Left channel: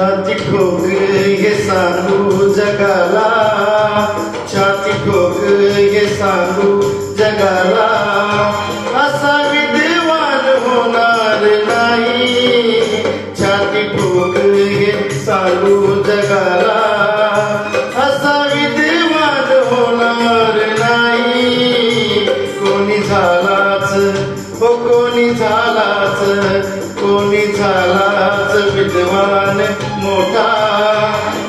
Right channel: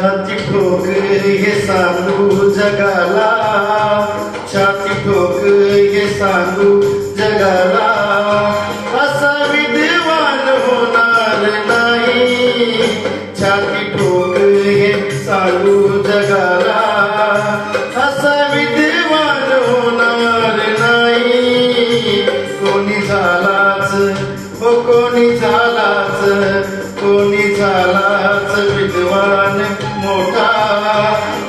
छाती ठोक हे सांगू जगाला, छाती ठोक हे सांगू जगाला, असा विद्वान होणार नाही. छाती ठोक हे सांगू जगाला, असा विद्वान होणार नाही. कोणी झालाच हो कोणी झालाच, कोणी झालाच विद्वान मोठा,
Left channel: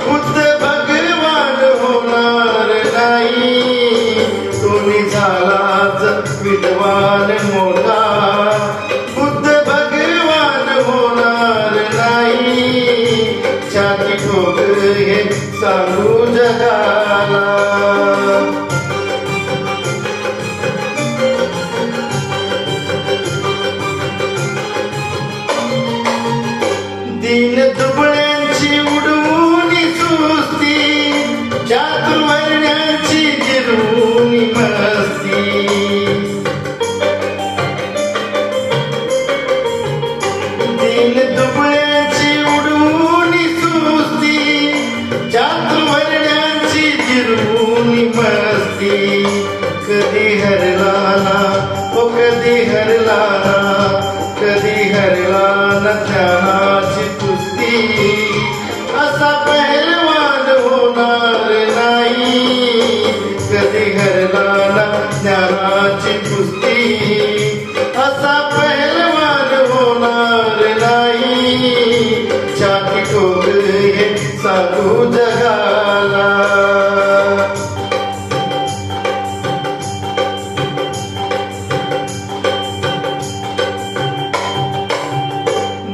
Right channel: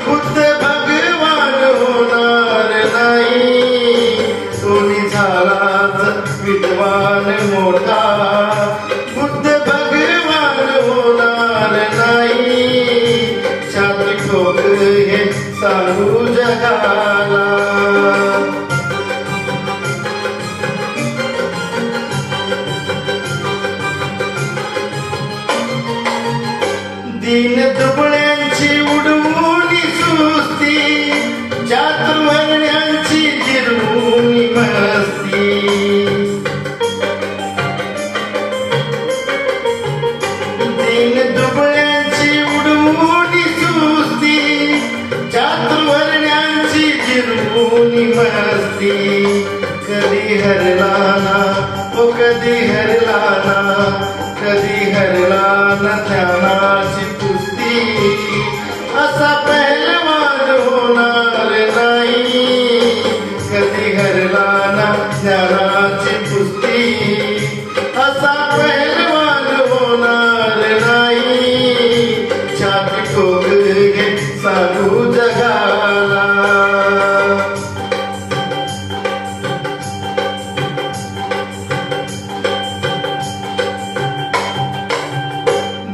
बुद्ध भगवान होणार नाही. कोणी झालाच विद्वान मोठा, बुद्ध भगवान होणार नाही. छाती ठोक हे सांगू जगाला. दीन दुबळ्यांची उडवून सुस्ती, चातुर्वर्ण्यांची जिरवून मस्ती. दीन दुबळ्यांची उडवून सुस्ती, चातुर्वर्ण्यांची जिरवून मस्ती. कधी हरला ना ओ कधी हरला ना, कधी हरला ना ज्ञानाची कुस्ती, असा पहलवान होणार नाही. कधी हरला ना ज्ञानाची कुस्ती, असा पहलवान होणार नाही. छाती ठोक हे सांगू जगाला.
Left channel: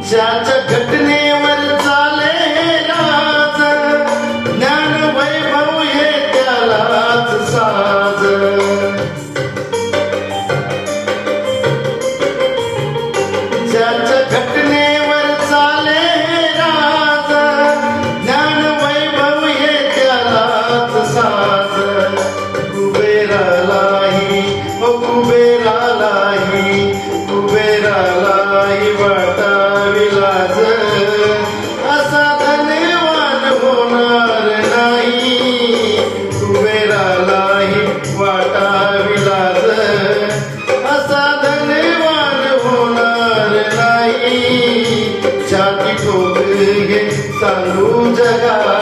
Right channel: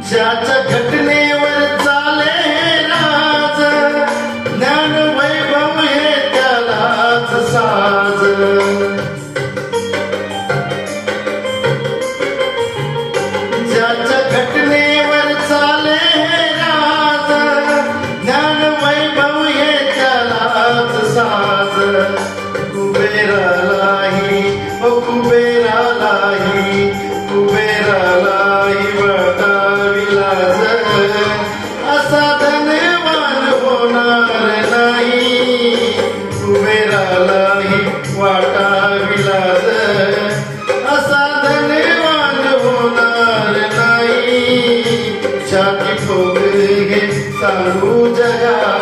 ज्याच्या घटनेवर चाले राज, ज्ञान वैभव हे त्यालाच साज. ज्याच्या घटनेवर चाले राज, ज्ञान वैभव हे त्यालाच साज. कुबेरालाही ओ कुबेरालाही, कुबेरालाही वाटावी लाज, असा धनवान होणार नाही. कुबेरालाही वाटावी लाज, असा धनवान होणार नाही. छाती ठोक हे सांगू जगाला.